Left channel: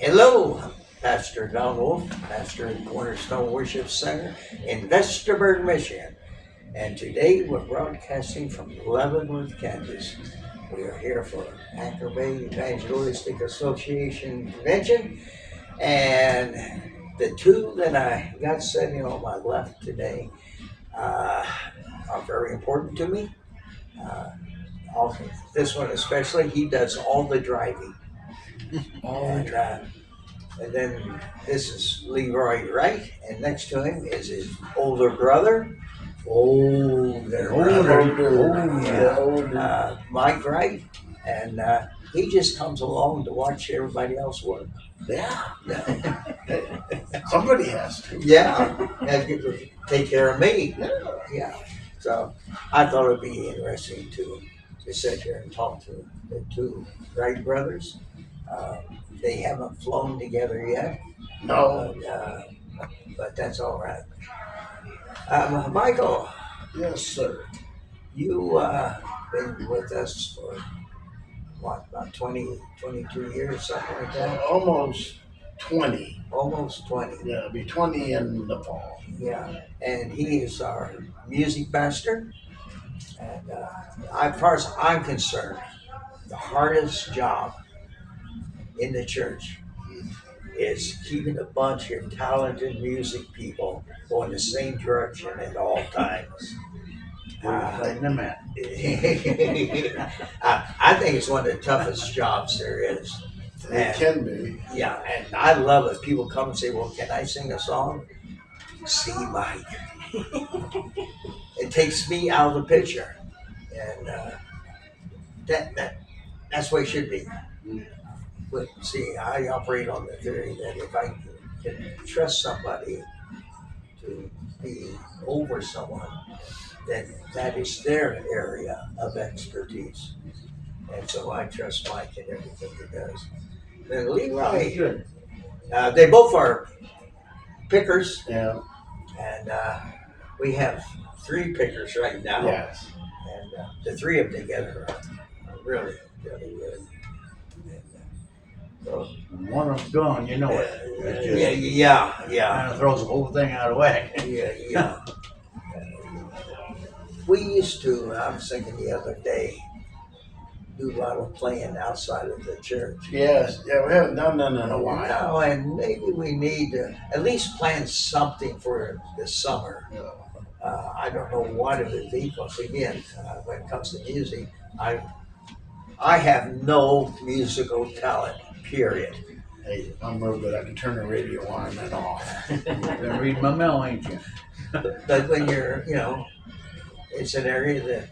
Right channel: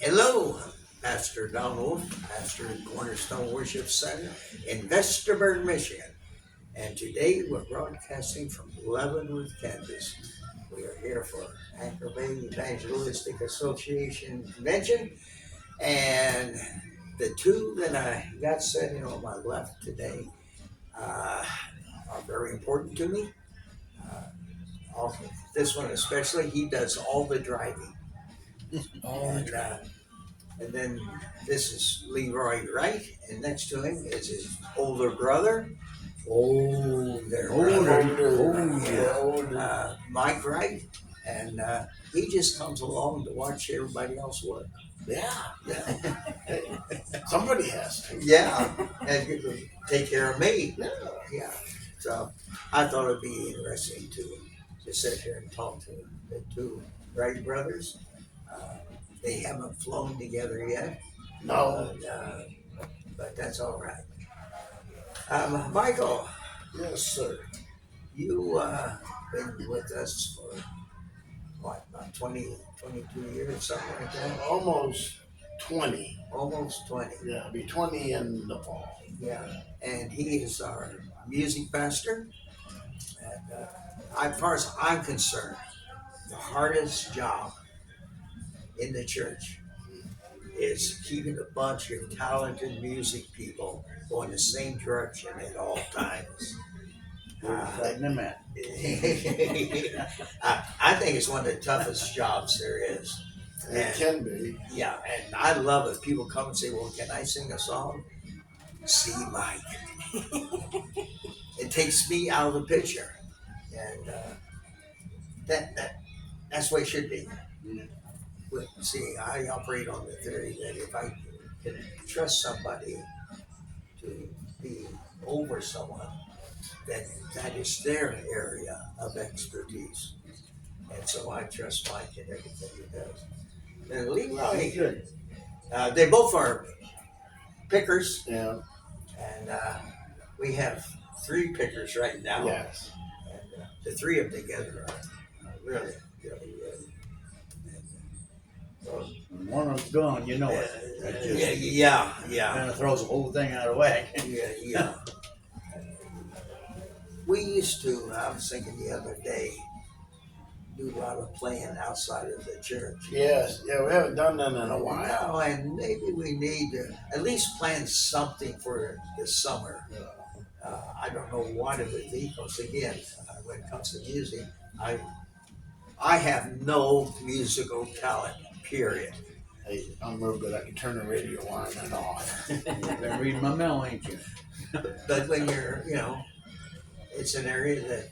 Hello, I'm Pastor Don Wolf, pastor in Cornerstone Worship Center in Vestaburg, Michigan. And today we're broadcasting from Leavenworth, Kansas. We are here for Anchor Bay Evangelistic Association Convention. And the two that I got sitting on my left today uh, are very important to me. Uh, also, this one especially, he does all the driving. And then this is Leroy Wright, and next to him is his older brother, Mike Wright, and he just comes along to watch everybody else work. Yeah. Somebody has to. Yeah, and you could take care of me. Yeah. Yeah. So I thought it'd be interesting to sit here and talk to the two Wright brothers. Uh, they haven't flown together yet. No. But that's all right. Michael, Yes, sir. you been with us for what, about 22 years, something like that? Almost 20. Almost 20. Yeah, it'll be 20 in the fall. Yeah. And he is our music pastor. And as far as I'm concerned, the hardest job in the church is keeping a bunch of talented music people going the same direction at all times. I think it's one of the toughest jobs there is. It can be. Yeah, and I love it. People come and say, "Well, can I sing a song?" See, Mike. It takes me out of the picture, and that's the way it should be. But see, I operate on the theory that if I can trust somebody to be over someone, then that is their area of expertise. And so I trust Mike in everything he does. Then Leroy, they both are pickers, Yeah. and we have three pickers right now. Yes. And the three of them together are really, really good. When one of them's gone, you know it. Yeah. Kind of throws the whole thing out of whack. Yeah. We used to, I was thinking the other day, do a lot of playing outside of the church. Yes. Yeah, we haven't done that in a while. Now, and maybe we need to at least plan something for the summer. Yeah. I don't know what it would be, because again, when it comes to music, I have no musical talent, period. Hey, I'm real good. I can turn the radio on and off. You've been reading my mail, ain't you? But when you're, it's an area that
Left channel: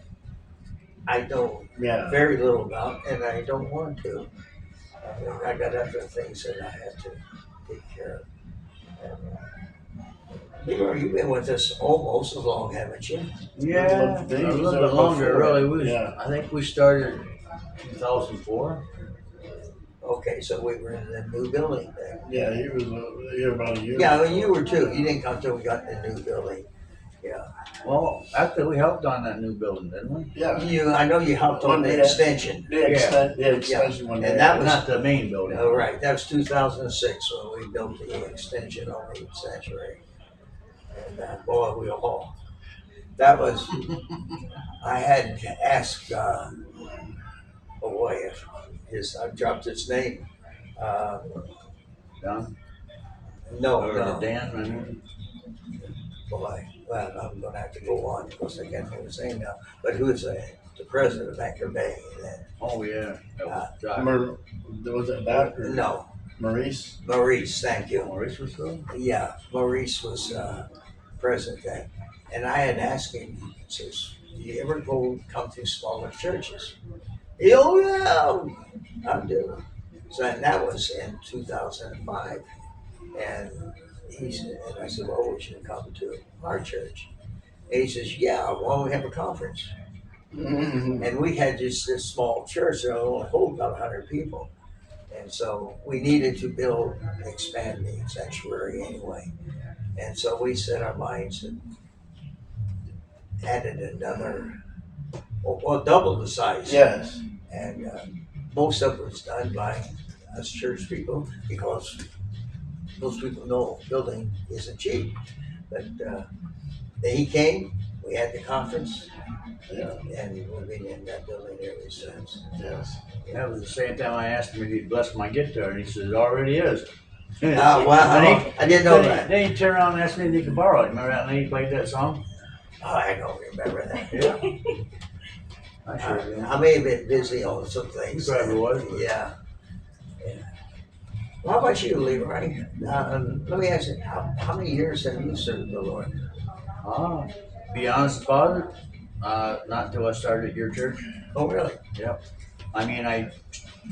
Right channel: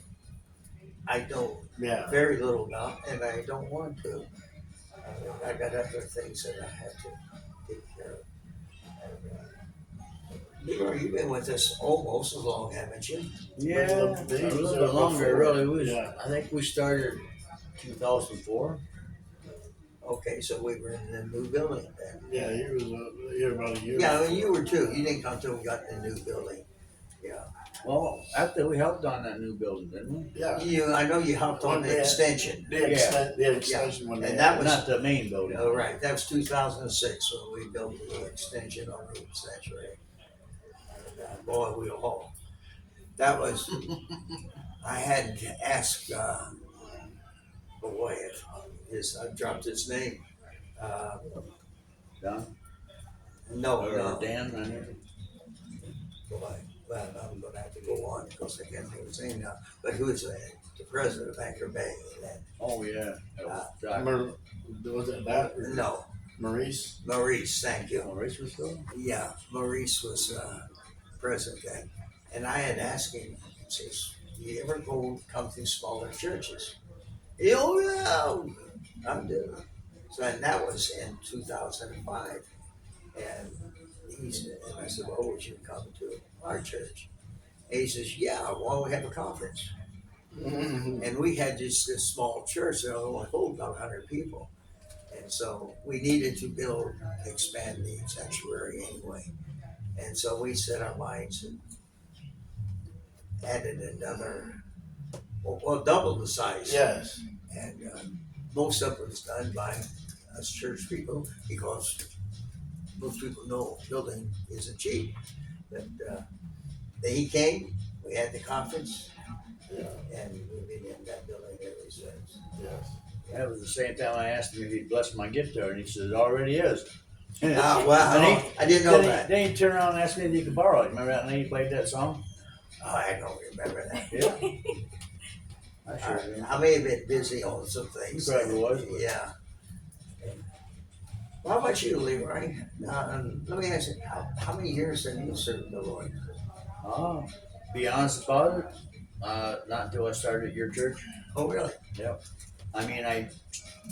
I know Yeah. very little about, and I don't want to. I got other things that I have to take care of. And, Leroy, you've been with us almost as long, haven't you? Yeah, A a little little bit longer, before. really. Yeah. I think we started 2004. Okay, so we were in the new building then. Yeah, he was here about a year. Yeah, before. you were too. You didn't come till we got in the new building. Yeah. Well, actually, we helped on that new building, didn't we? Yeah. I know you helped on One the day. extension. The extension one day. And that was- Not the main building. Oh, right, that was 2006 when we built the extension on the sanctuary. And boy, we all, that was, I had to ask, oh boy, I dropped his name. John? No, Or Dan? boy, well, I'm gonna have to go on because I can't think of his name now. But who is the president of Anchor Bay? Oh, yeah. That was Josh. Was it that? Or No, Maurice? Maurice, thank you. Maurice was still? Yeah, Maurice was president then. And I had asked him, says, "Do you ever come to smaller churches?" Oh yeah, I do. So and that was in 2005. And I said, "Well, would you come to our church?" And he says, "Yeah, well, we have a conference." Mm-hmm. And we had just this small church that only hold about 100 people. And so we needed to expand the sanctuary anyway. And so we set our minds and added another, double the size. Yes. And most of it was done by us church people, because most people know building isn't cheap. But he came, we had the conference, Yeah, and we've been in that building ever since. yes. That was the same time I asked him if he'd bless my guitar, and he said it already is. Oh, wow, I didn't know that. Then he turned around and asked me if he could borrow it. Remember that night he played that song? Oh, I don't remember that. Yeah. I sure do. I may have been busy on some things. You probably was, but- Yeah. Well, how about you, Leroy? Let me ask you, how many years have you served the Lord? Be honest about it, not until I started at your church. Oh, really? I mean, I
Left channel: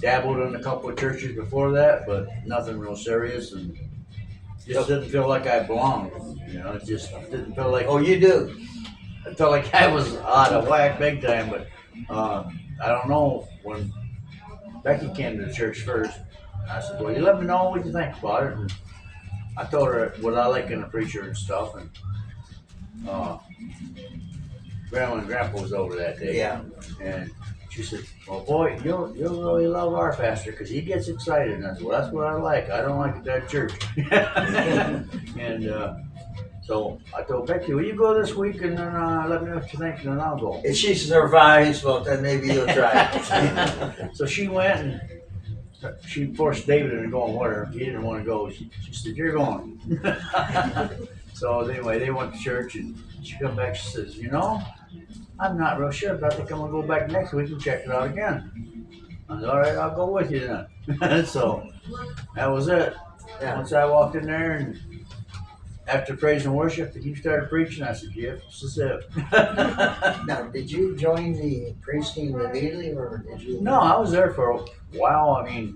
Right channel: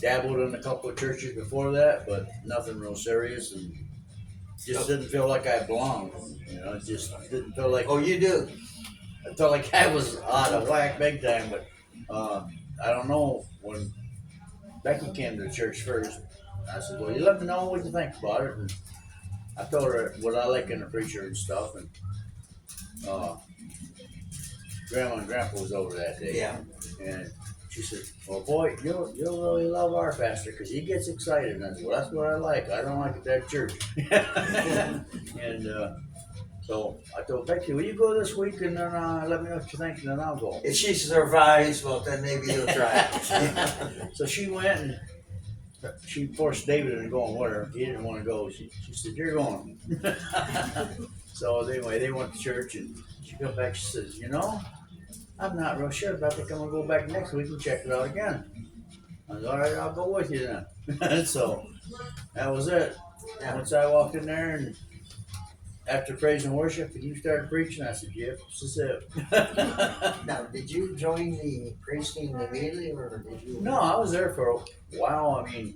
dabbled in a couple of churches before that, but nothing real serious, and just didn't feel like I belonged. You know, it just didn't feel like. Oh, you do? I felt like I was out of whack big time, but I don't know. When Becky came to the church first, I said, "Well, you let me know what you think about it." And I told her what I like in a preacher and stuff, and Grandma and Grandpa was over that day. Yeah. And she said, "Well, boy, you'll really love our pastor because he gets excited." And I said, "Well, that's what I like. I don't like it at church." And so I told Becky, "Will you go this week and then let me know what you think, and then I'll go." If she survives, well, then maybe you'll try it. So she went and she forced David into going with her. He didn't want to go. She said, "You're going." So anyway, they went to church, and she come back. She says, "You know, I'm not real sure, but I think I'm gonna go back next week and check it out again." I said, "All right, I'll go with you then." So that was it. Yeah. Once I walked in there, and after praise and worship, you started preaching. I said, "Yep, this is it." Now, did you join the praise team immediately, or did you? No, I was there for a while. I mean,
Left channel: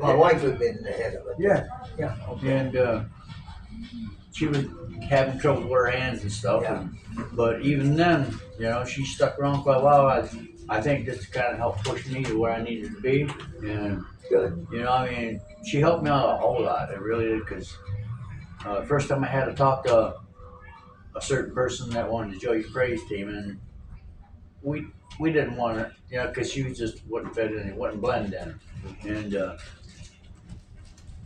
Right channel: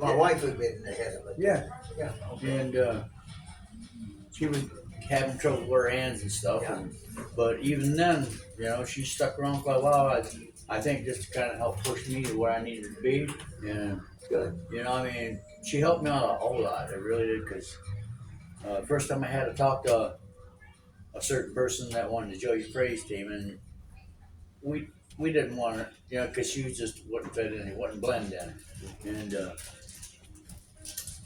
My wife had been ahead of it. yeah, Yeah. Okay. and she was having trouble with her hands and stuff. Yeah. But even then, you know, she stuck around quite a while. I think just to kind of help push me to where I needed to be. And, Good. you know, I mean, she helped me out a whole lot. It really did. Because the first time I had to talk to a certain person that wanted to join your praise team, and we didn't want her, you know, because she was just wasn't fit in, it wasn't blend in. And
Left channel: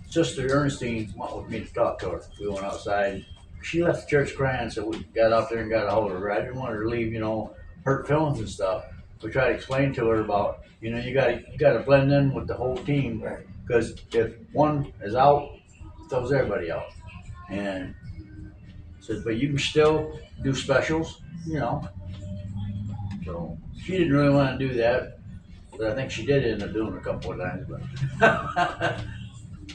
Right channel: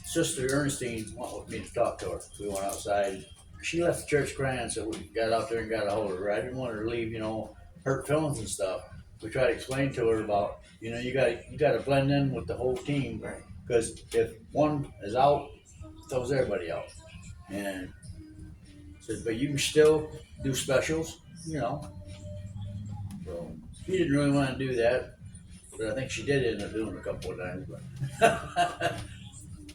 Sister Ernestine wanted me to talk to her. We went outside. She left the church crying, so we got out there and got a hold of her. I didn't want her to leave, you know, hurt feelings and stuff. We tried to explain to her about, you know, you gotta blend in with the whole team, Right. because if one is out, it throws everybody out. And said, but you can still do specials, you know. So she didn't really want to do that, but I think she did end up doing it a couple of times. But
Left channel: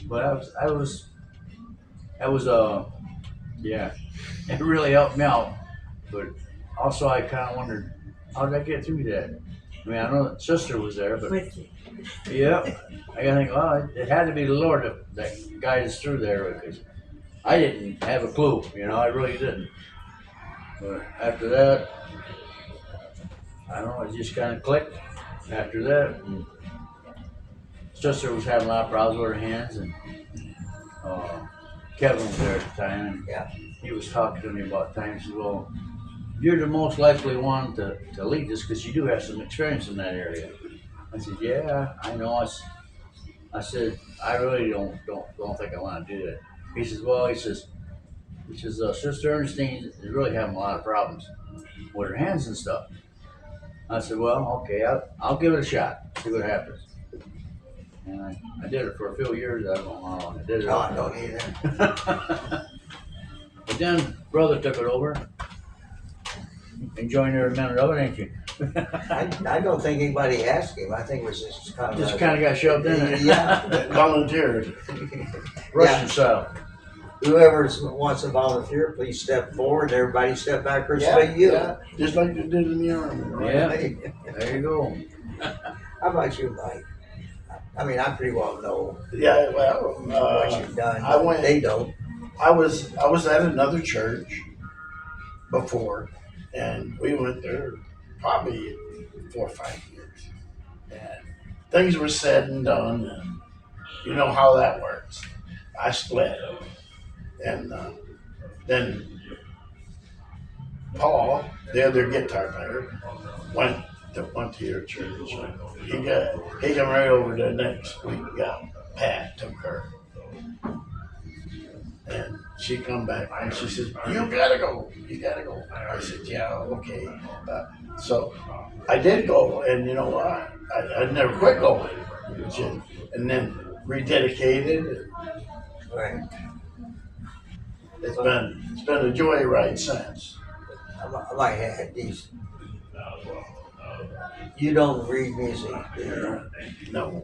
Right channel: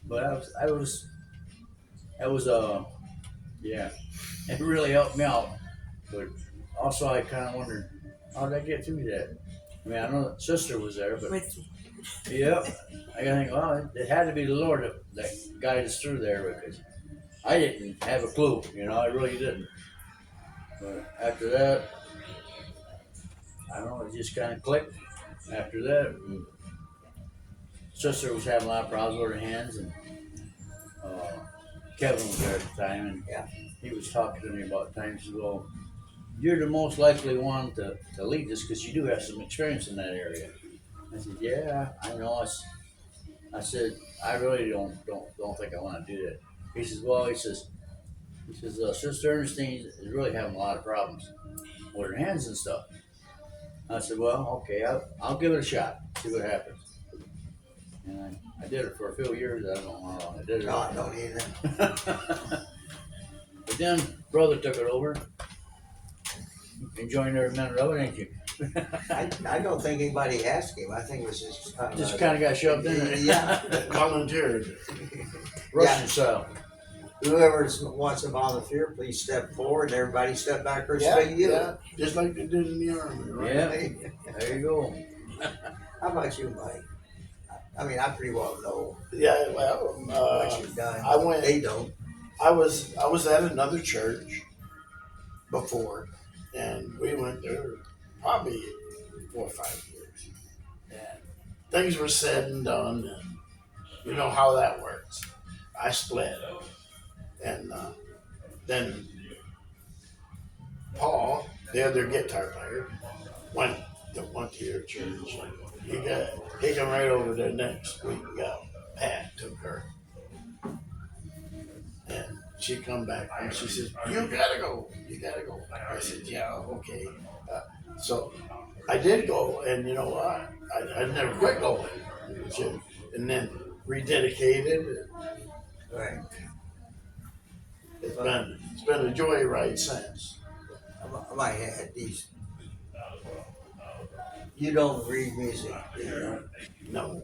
but that was yeah, it really helped me out. But also I kind of wondered, how did I get through that? I mean, I know that Sister was there, but yeah, I gotta think, well, it had to be the Lord that guided us through there, because I didn't have a clue, you know, I really didn't. But after that, I don't know, it just kind of clicked after that. And Sister was having a lot of problems with her hands, and Kevin was there at the time, and Yeah. he was talking to me about times. He said, well, you're the most likely one to lead this because you do have some experience in that area. I said, yeah, I know. I said, I really don't think I want to do that. He says, well, he says, Sister Ernestine is really having a lot of problems with her hands and stuff. I said, well, okay, I'll give it a shot, see what happens. And I did it for a few years. I don't know how long I did it. No, I don't either. But then brother took it over. Enjoying every minute of it, ain't you? I don't think anybody asked him. I think it was just kind of. Just kind of got shoved in there. Yeah. Volunteered. Russian style. Whoever wants to volunteer, please step forward. Everybody step backwards to you. Yeah, just like they did in the army, right? Yeah. There you go. How about you, Mike? I mean, I pretty well know Yeah, well, what you've done. I went. They don't. I was at another church before, and we went there probably 4 or 5 years. And things were said and done, and you know how that works. I split, and then Paul, the other guitar player, went to your church. he come right over there next week. Got Pat took her, and she come back and she says, "You gotta go. You gotta go." I said, "Yeah, okay." So I did go, and you know what? I never quit going. And then rededicated. Right. It's been a joyride since. I might have these. You don't read music, do you? No,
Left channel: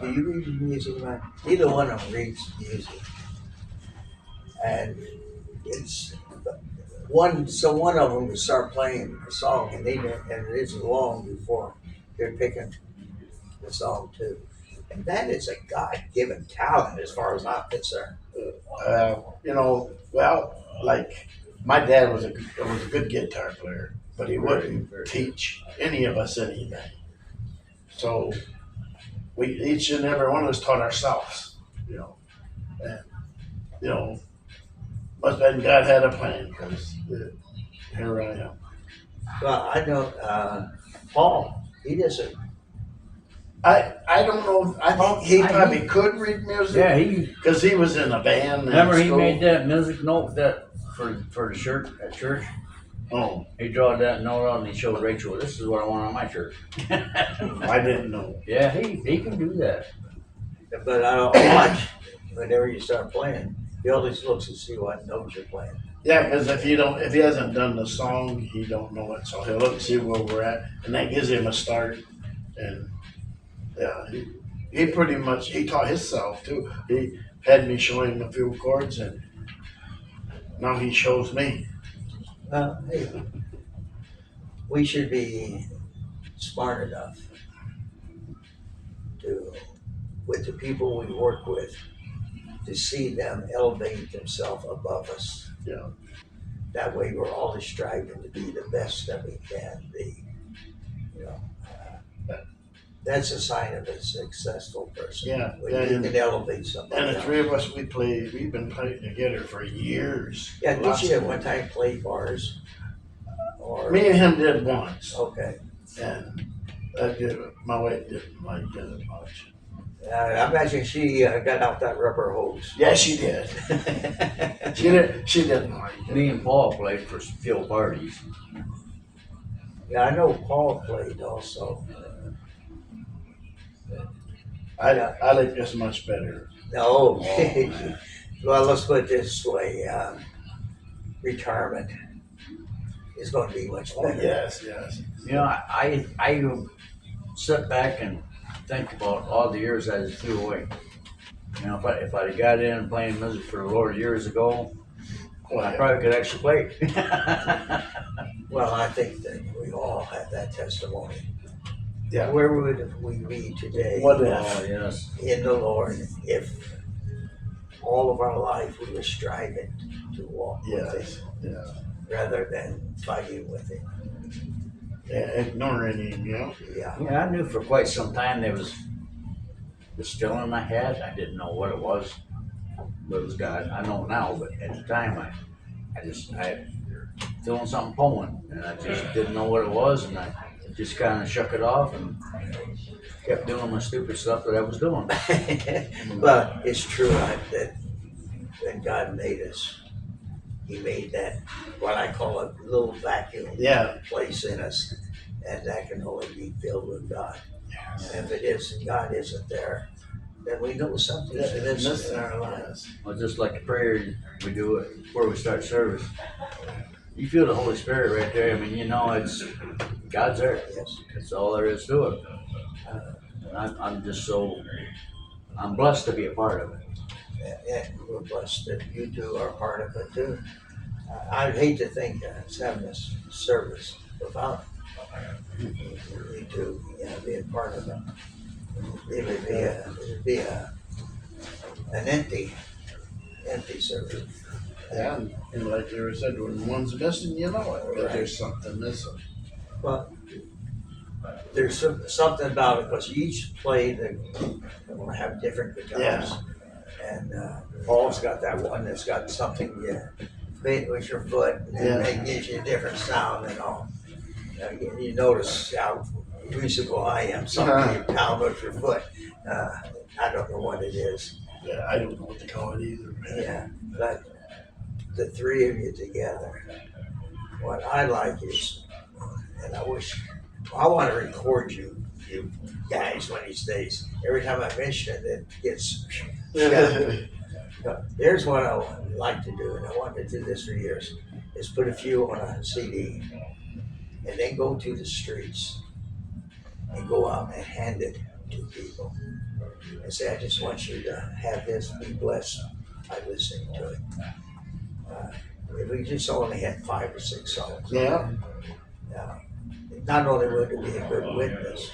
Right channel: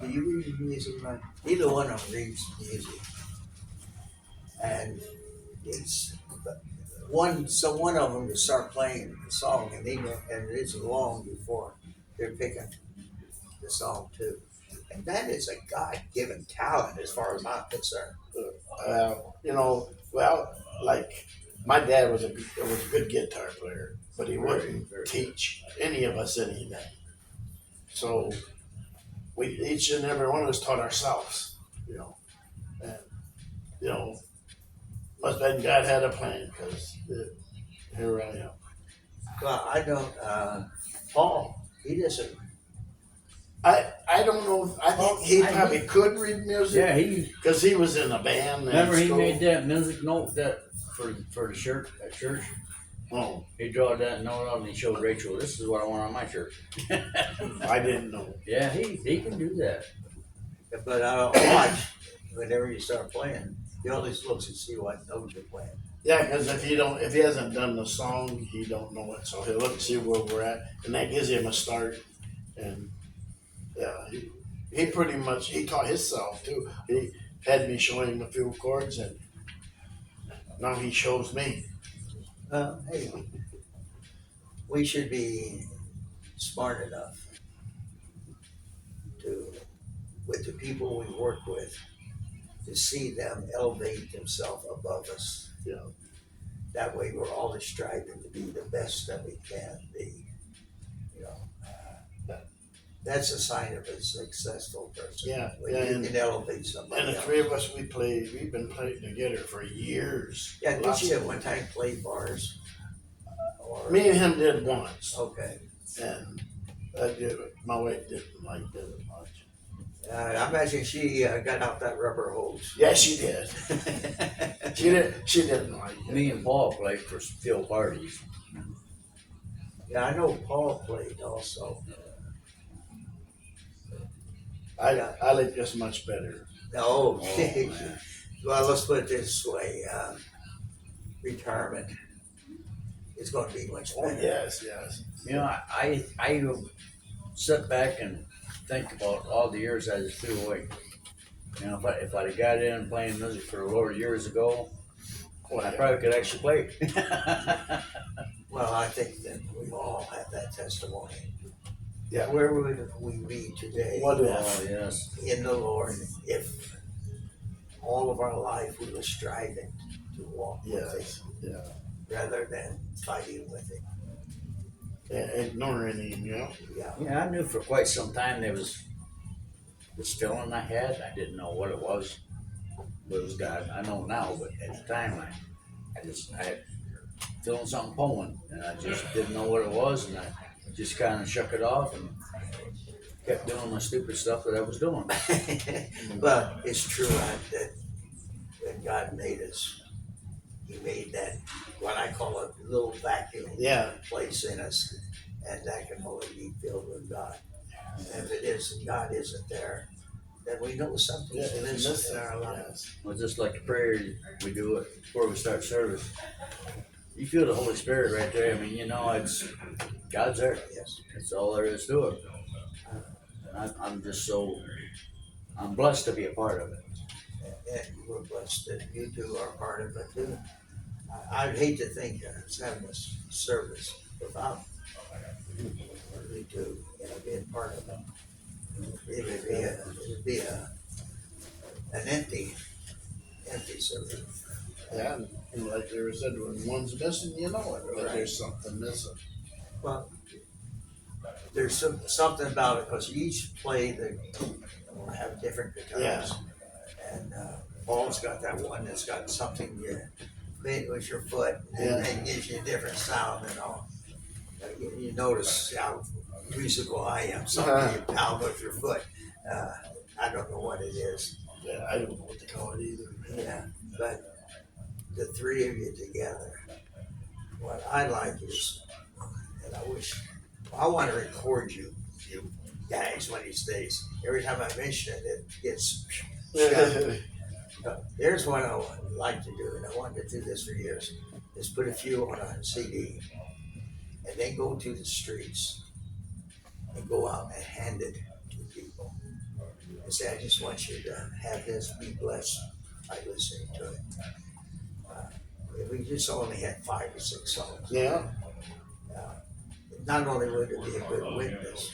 Do you read music, right? Neither one of them reads music. And it's one, so one of them will start playing a song and and it's long before they're picking the song too. And that is a God-given talent as far as I'm concerned. you know, well, like my dad was a good guitar player, but he wouldn't teach any of us anything. So we each and every one of us taught ourselves, you know, and you know, must have been God had a plan because here I am. Well, I know Paul, he doesn't. I don't know. I think he probably could read music. Yeah, he. Because he was in a band. Remember, in he school. made that music note that for the shirt at church. Oh, He drawed that note out and he showed Rachel, "This is what I want on my shirt." I didn't know. Yeah, he can do that. But I don't watch whenever you start playing. He always looks to see what notes you're playing. Yeah, because if he hasn't done the song, he don't know it. So he'll look and see where we're at, and that gives him a start. And yeah, he pretty much he taught himself too. He had me show him a few chords, and now he shows me. Well, hey, we should be smart enough to, with the people we work with, to see them elevate themselves above us. Yeah. That way, we're always striving to be the best that we can be. You know, that's a sign of a successful person. Yeah, When yeah, you and- can elevate somebody. And the else. three of us, we've been playing together for years. Yeah, did Lots you at of- one time play bars? Or Me and him did once, okay. and my wife didn't like it much. I imagine she got out that rubber hose. Yeah, she did. She didn't like it. Me and Paul played for field parties. Yeah, I know Paul played also. I like this much better. No, well, let's put it this way: retirement is going to be much Oh better. yes. You know, I sit back and think about all the years I just threw away. You know, if I'd have got in playing music for the Lord years ago, Well, I probably could actually play. Well, I think that we all have that testimony. Yeah. Where would we be today What Oh, if? yes. in the Lord if all of our life we were striving to walk with Yes. Him Yeah. rather than fighting with Him? Yeah. Ignoring him, you know. Yeah. Yeah, I knew for quite some time there was this feeling I had. I didn't know what it was, but it was God. I know now, but at the time I had feeling something pulling, and I just didn't know what it was, and I just kind of shook it off and kept doing my stupid stuff that I was doing. But it's true that when God made us, He made that what I call a little vacuum Yeah. place in us, and that can only be filled with God. And if it isn't, God isn't there, then we know something's missing in our lives. Well, just like the prayer we do it before we start service. You feel the Holy Spirit right there. I mean, you know, it's God's there. Yes. That's all there is to it. And I'm just I'm blessed to be a part of it. And we're blessed that you two are part of it too. I'd hate to think of having this service without you two, being part of it. It would be an empty service. Yeah. And like Leroy said, when one's missing, you know it. That there's something missing. Well, there's something about it because each play they want to have different guitars. And Paul's got that one that's got something you made with your foot, and it gives you a different sound and all. You notice how musical I am. Something you pound with your foot. I don't know what it is. Yeah, I don't know what to call it either. Yeah, but the three of you together, what I like is, and I wish, I want to record you guys one of these days. Every time I mention it, it gets shut. But here's what I would like to do, and I wanted to do this for years, is put a few on a CD and then go to the streets and go out and hand it to people and say, I just want you to have this, be blessed by listening to it. If we just only had 5 or 6 songs, Yeah, not only would it be a good witness,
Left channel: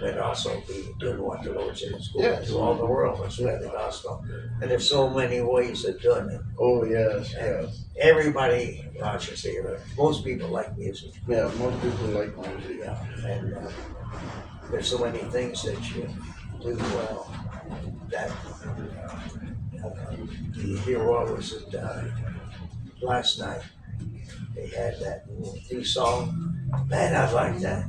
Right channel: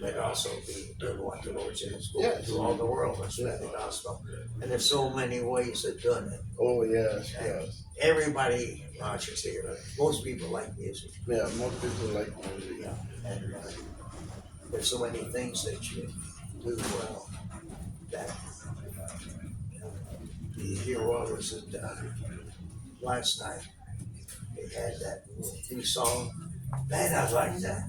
but also be doing what the Lord said is going Yes. to all the world and spread the gospel. And there's so many ways of doing it. oh yes, And yes. everybody, well, I should say, most people like music. Yeah, most people like music. Yeah, and there's so many things that you do well that you hear what was it last night? They had that new song. Man, I like that.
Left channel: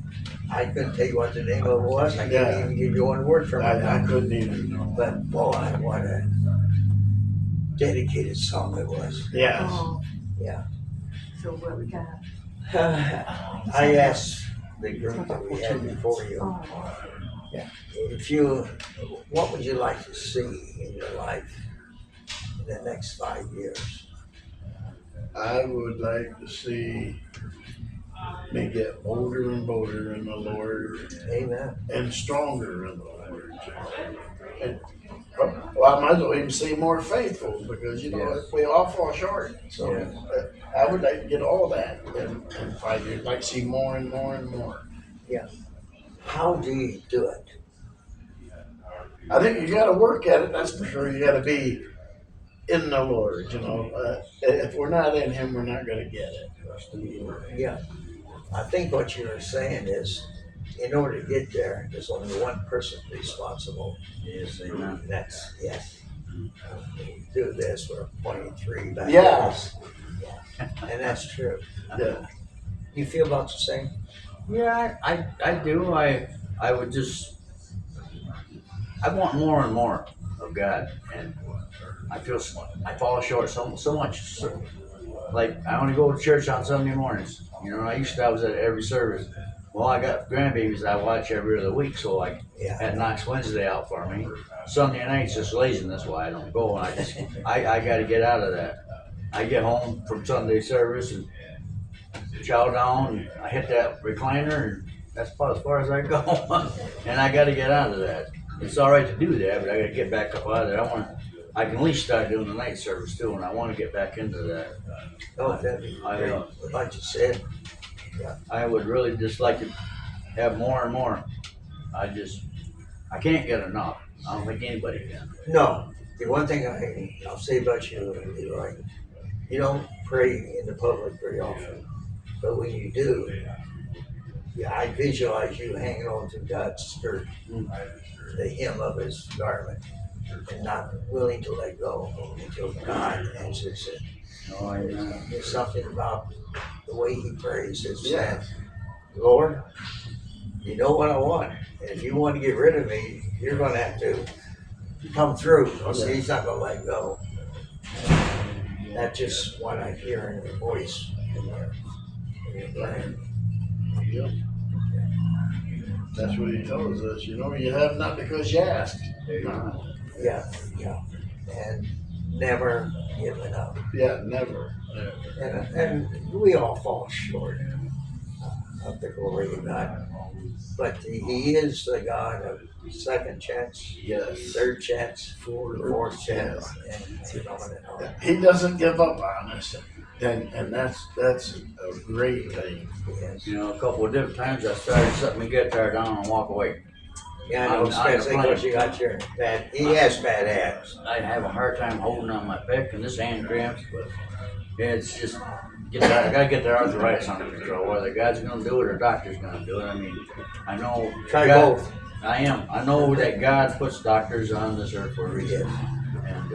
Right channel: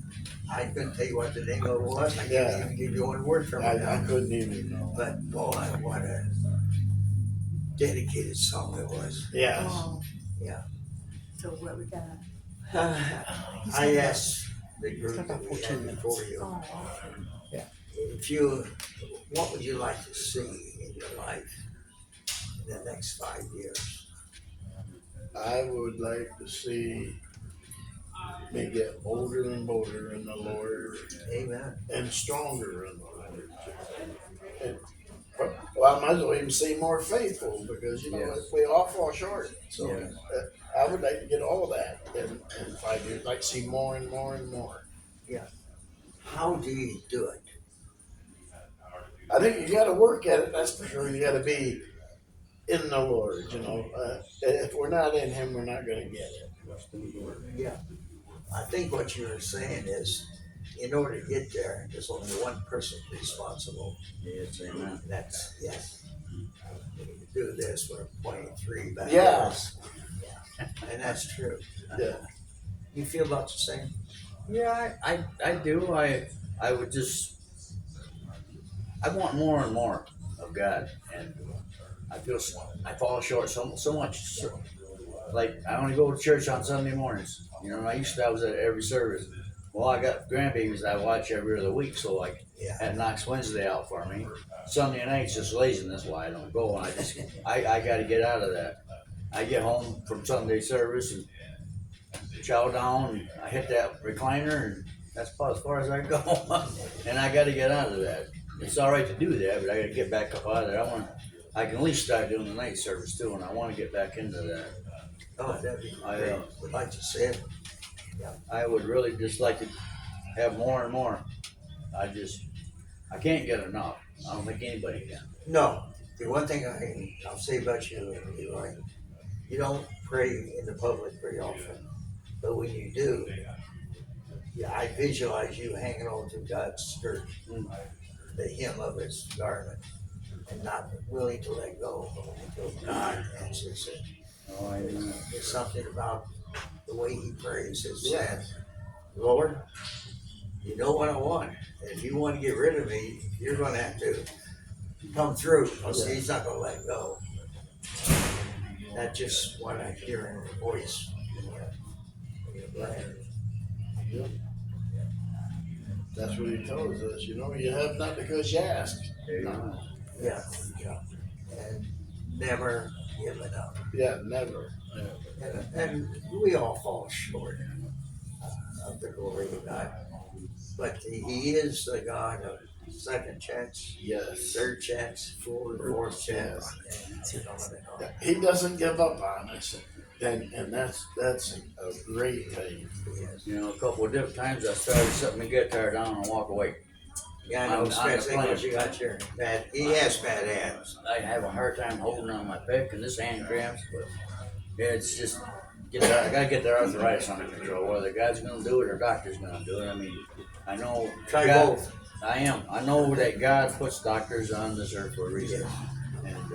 I couldn't tell you what the name of it was. I couldn't even give you one word from it. I couldn't even know. But boy, what a dedicated song it was. Yes. Oh. Yeah. So what we got? I asked the group that we had before you, Oh. if you, what would you like to see in your life in the next 5 years? I would like to see me get bolder and bolder in the Lord Amen. and stronger in the Lord. And well, I might as well even say more faithful because we all fall short. So I would like to get all that in 5 years. Like see more and more and more. How do you do it? I think you got to work at it. That's for sure. You got to be in the Lord. If we're not in Him, we're not going to get it. Yeah. I think what you're saying is, in order to get there, there's only one person responsible. Yes, amen. And that's, do this, we're pointing 3 back. Yeah. And that's true. Yeah. You feel about the same? Yeah, I do. I would just, I want more and more of God, and I feel I fall short so much. So, like I only go to church on Sunday mornings. I was at every service. Well, I got grandbabies I watch every other week, so I had knocks Wednesday out for me. Sunday night's just laziness why I don't go, and I got to get out of that. I get home from Sunday service and chow down, and I hit that recliner, and that's about as far as I go. And I got to get out of that. It's all right to do that, but I got to get back up out of there. I can at least start doing the night service too, and I want to get back into that. Oh, that'd be great. Like you said. I would really just like to have more and more. I can't get enough. I don't think anybody can. No, the one thing I'll say about you, Leroy, you don't pray in the public very often, but when you do, I visualize you hanging on to God's skirt, the hem of His garment, and not willing to let go until God answers it. Oh, yeah. There's something about the way he prays. It's Yeah. Lord, you know what I want. And if you want to get rid of me, you're going to have to come through. Because He's not going to let go. That's just what I hear in your voice. In your brain. Yep. That's what He tells us. You have not because you ask. Yeah. And never giving up. Yeah, never. And we all fall short of the glory of God. But He is the God of second chance, Yes. third chance, fourth chance, and on and on. He doesn't give up on us, and that's a great thing. Yes. A couple of different times I started setting my guitar down and walk away. Yeah, I know, especially because you got your bad, he has bad abs. I have a hard time holding on my pick and this hand cramps, but it's just, I gotta get the arthritis under control, whether God's gonna do it or doctor's gonna do it. I mean, I know. Try God, both. I know that God puts doctors on this earth for a reason. And,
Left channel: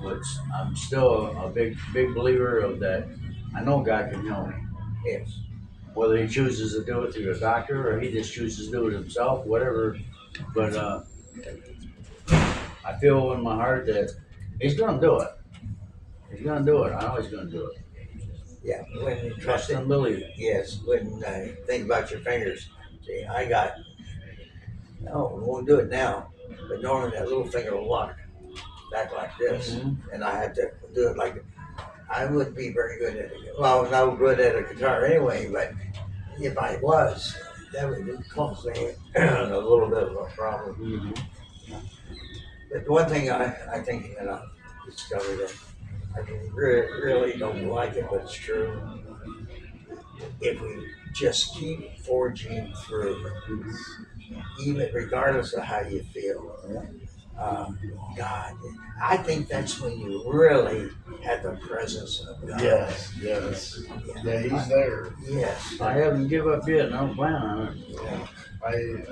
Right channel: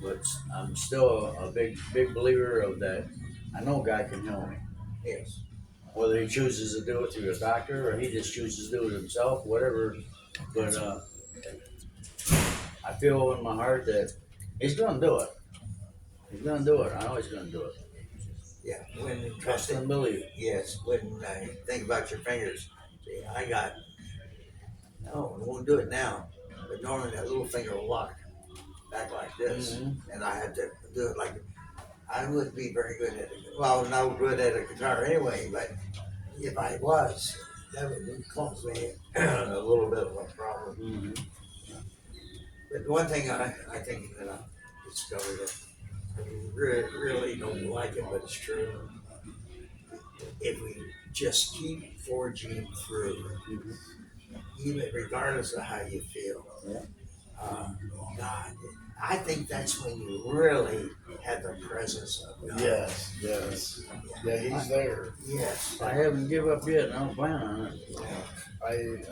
but I'm still a big believer of that. I know God can heal me. Yes. whether he chooses to do it through a doctor or he just chooses to do it himself, whatever. But I feel in my heart that he's gonna do it. He's gonna do it. I know he's gonna do it. Yeah, when you Trust trust it. and believe. Yes, when I think about your fingers, see, I got, no, we won't do it now, but normally that little finger will lock back like this, and I had to do it like, I wouldn't be very good at it. Well, I was no good at a guitar anyway, but if I was, that would cause me a little bit of a problem. Mm-hmm. But one thing I think that I discovered that I really don't like it, but it's true. If we just keep forging through, even regardless of how you feel, God, I think that's when you really have the presence of God. Yes, yes. Yeah, he's there. Yes. I haven't give up yet, and I don't plan on it.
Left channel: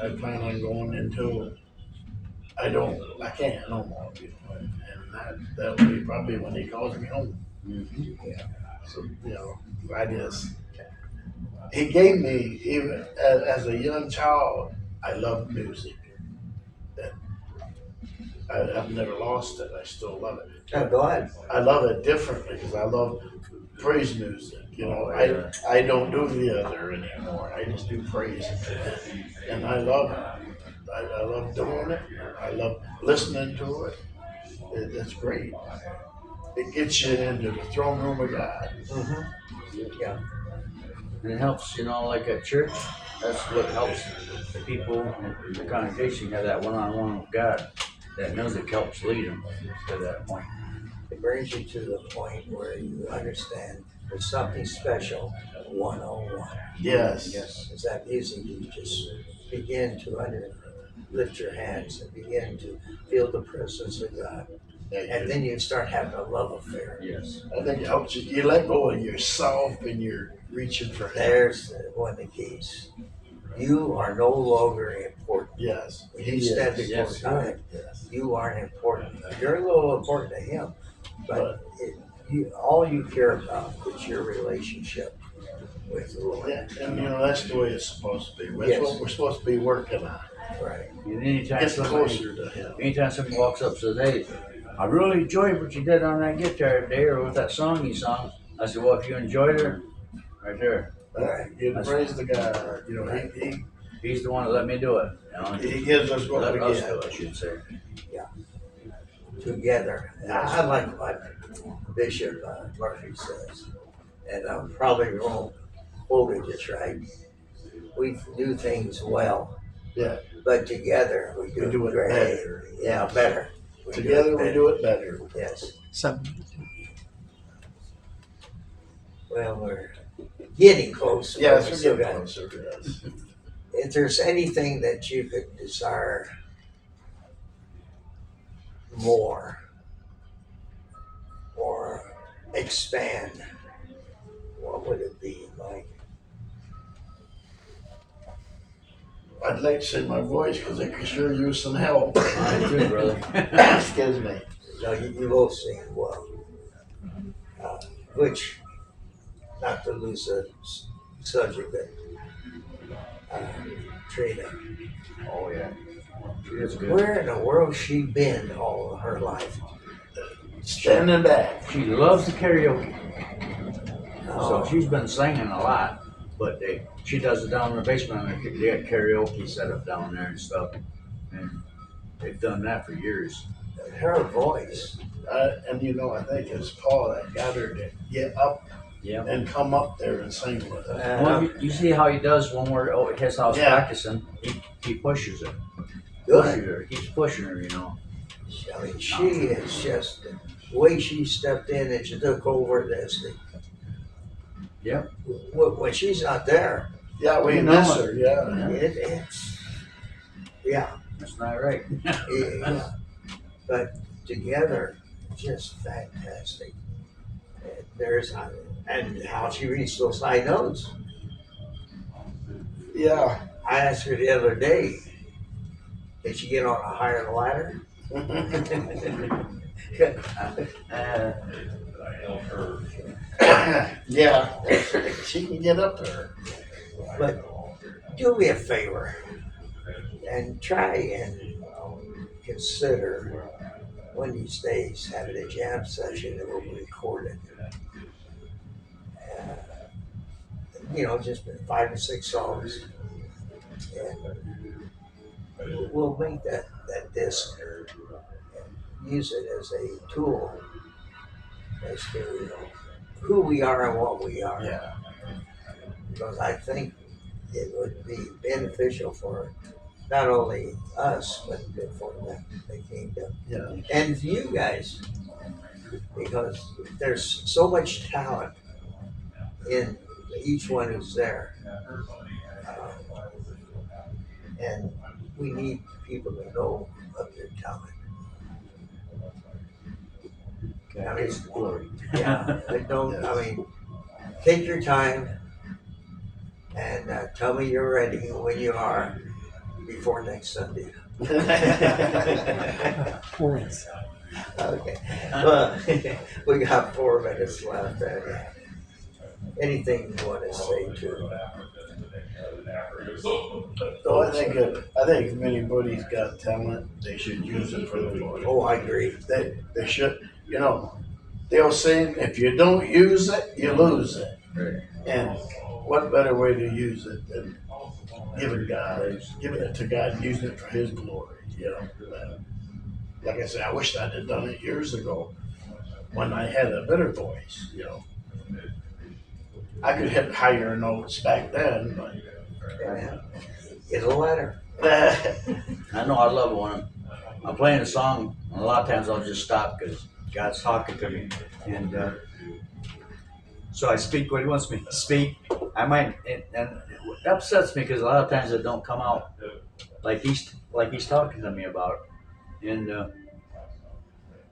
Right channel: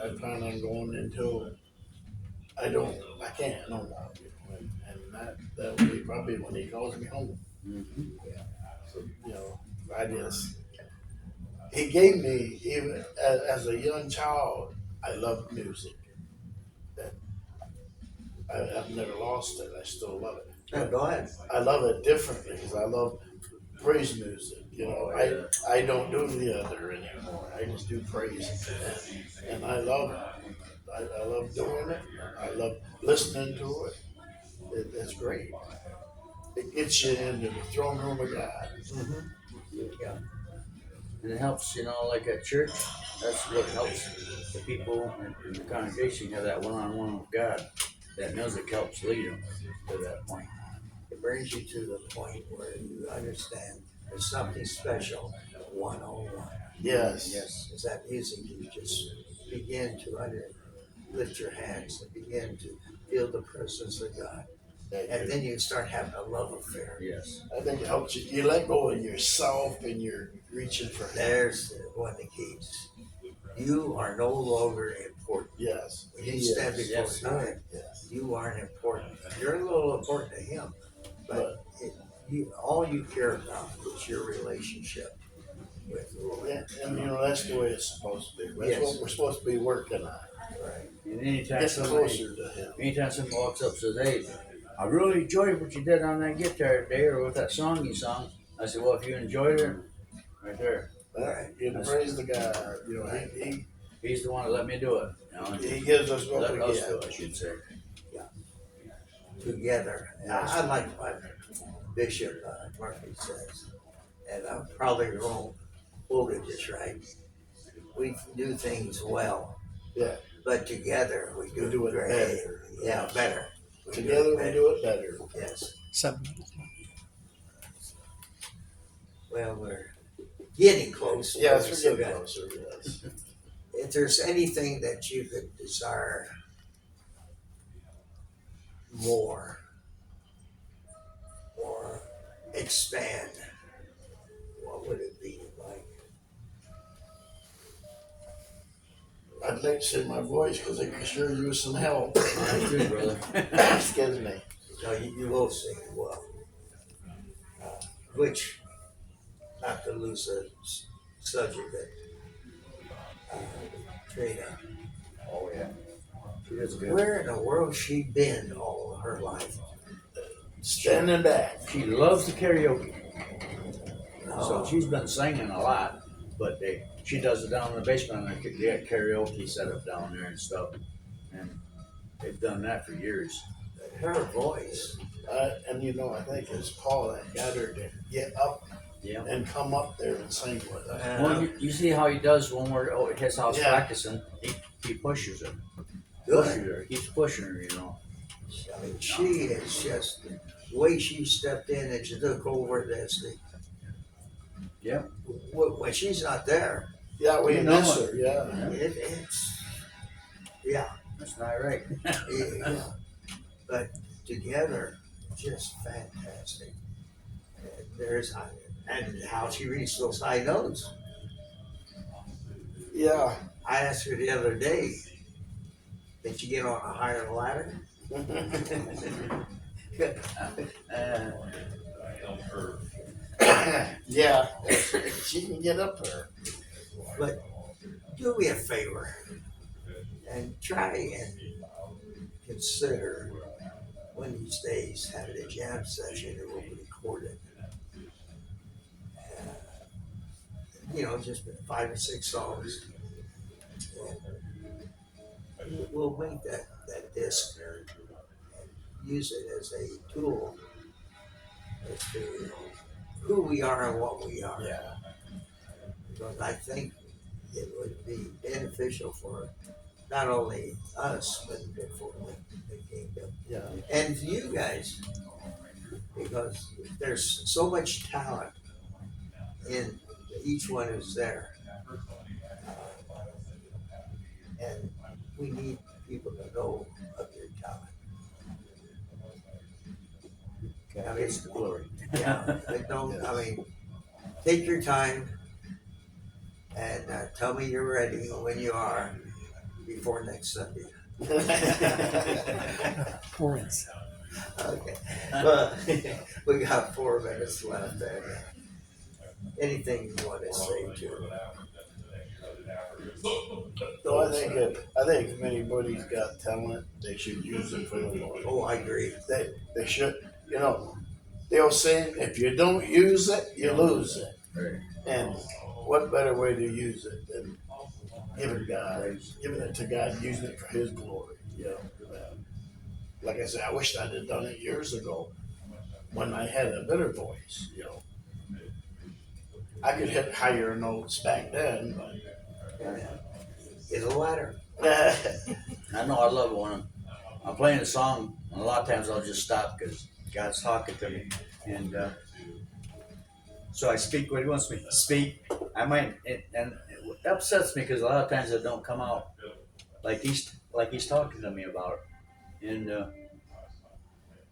I plan on going until I can't no more. You know, and that will be probably when he calls me home. Mm-hmm. So, he gave me, even as a young child, I loved music. I've never lost it. I still love it. I'm glad. I love it differently because I love praise music. You know, I don't do the other anymore. I just do praise, and I love it. I love doing it. I love listening to it. It's great. It gets you into the throne room of God. Mm-hmm. Yeah. And it helps, like at church, that's what helps the people in the congregation have that one-on-one with God. That music helps lead them to that point. It brings you to the point where you understand there's something special, 101. Yes. Yes. As that music, you just begin to lift your hands and begin to feel the presence of God. And then you start having a love affair. Yes. I think it helps you. You let go of yourself and you're reaching for Him. There's one of the keys. You are no longer important. Yes. When you stand before God, Yes. you aren't important. You're a little important to Him, but all you care about is your relationship with the Lord. Yeah, and that's the way it's supposed to be. That's Yes. what we're supposed to be working on. Right. And anytime Get somebody closer to Him. walks up and says, "Hey, I really enjoyed what you did on that guitar today, or with that song you sung," I said, "Well, if you enjoyed it, right there, Right. You praise the God. he's the one that let me do it. He gives us what Let we us get. do it, I should say." Together. I like what Bishop Murphy says, and I'm probably wrong, quoted this right. We do things well, Yeah. but together we do it great. better. Yeah, better. Together we do it better. Yes. Well, we're getting close. Yes, but we're still getting got- closer. Yes. If there's anything that you could desire more or expand, what would it be, Mike? I'd like to say my voice because it could sure use some help. I do, brother. Excuse me. No, you both sing well. Which, not to lose the subject, but Trina, Oh yeah, she is good. where in the world she been all of her life? Standing back. She loves the karaoke, Oh, so she's been singing a lot. But she does it down in the basement. They got karaoke set up down there and stuff, and they've done that for years. her voice. And I think it's Paul that got her to get up Yeah. and come up there and sing with us. Well, you see how he does when we're at his house Yeah. practicing. He pushes her. Good. Pushes her. Keeps pushing her. I mean, she is just the way she stepped in and she took over this. Yep. When she's not there, Yeah, we You know miss it. her. Yeah. it's That's not right. yeah. But together, just fantastic. And and how she reached those high notes. Yeah. I asked her the other day, did she get on a higher ladder? Yeah. She can get up there. But do me a favor and try and consider one of these days having a jam session that will be recorded. Uh, just 5 or 6 songs, and we'll make that disc and use it as a tool as to who we are and what we are. Yeah. Because I think it would be beneficial for not only us, but for the kingdom Yeah. and you guys, because there's so much talent in each one who's there, and we need people to know of your talent. I mean, It's the glory. yeah, I don't. I mean, take your time and tell me you're ready when you are before next Sunday. Okay. Well, we got 4 minutes left. Anything you want to say to? No, I think if anybody's got talent, they should use it for the Lord. Oh, I agree. They should. The old saying, if you don't use it, you lose it. Right. And what better way to use it than giving it to God, and using it for His glory. Like I said, I wish I'd have done it years ago when I had a better voice. I could hit higher notes back then, but Yeah. It's a ladder. I know I love it when I'm playing a song, and a lot of times I'll just stop because God's talking to me. And so I speak what He wants me to speak. I might, and it upsets me because a lot of times it don't come out like he's talking to me about it. And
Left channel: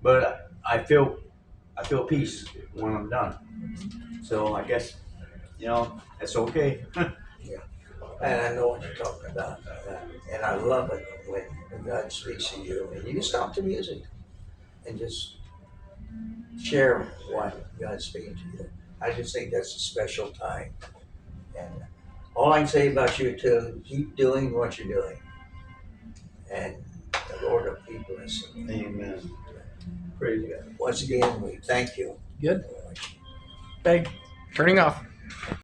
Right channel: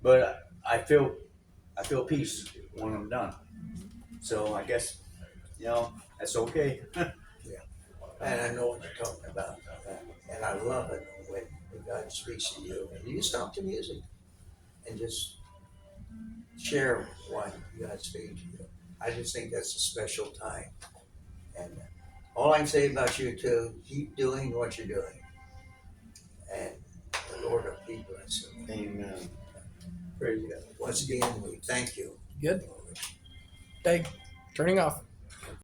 but I feel peace when I'm done. So I guess that's okay. And I know what you're talking about. And I love it when God speaks to you and you stop the music and just share what God's speaking to you. I just think that's a special time. And all I can say about you too, keep doing what you're doing. And the Lord will keep listening. Amen. Praise God. Once again, we thank you. Good. Hey, turning off.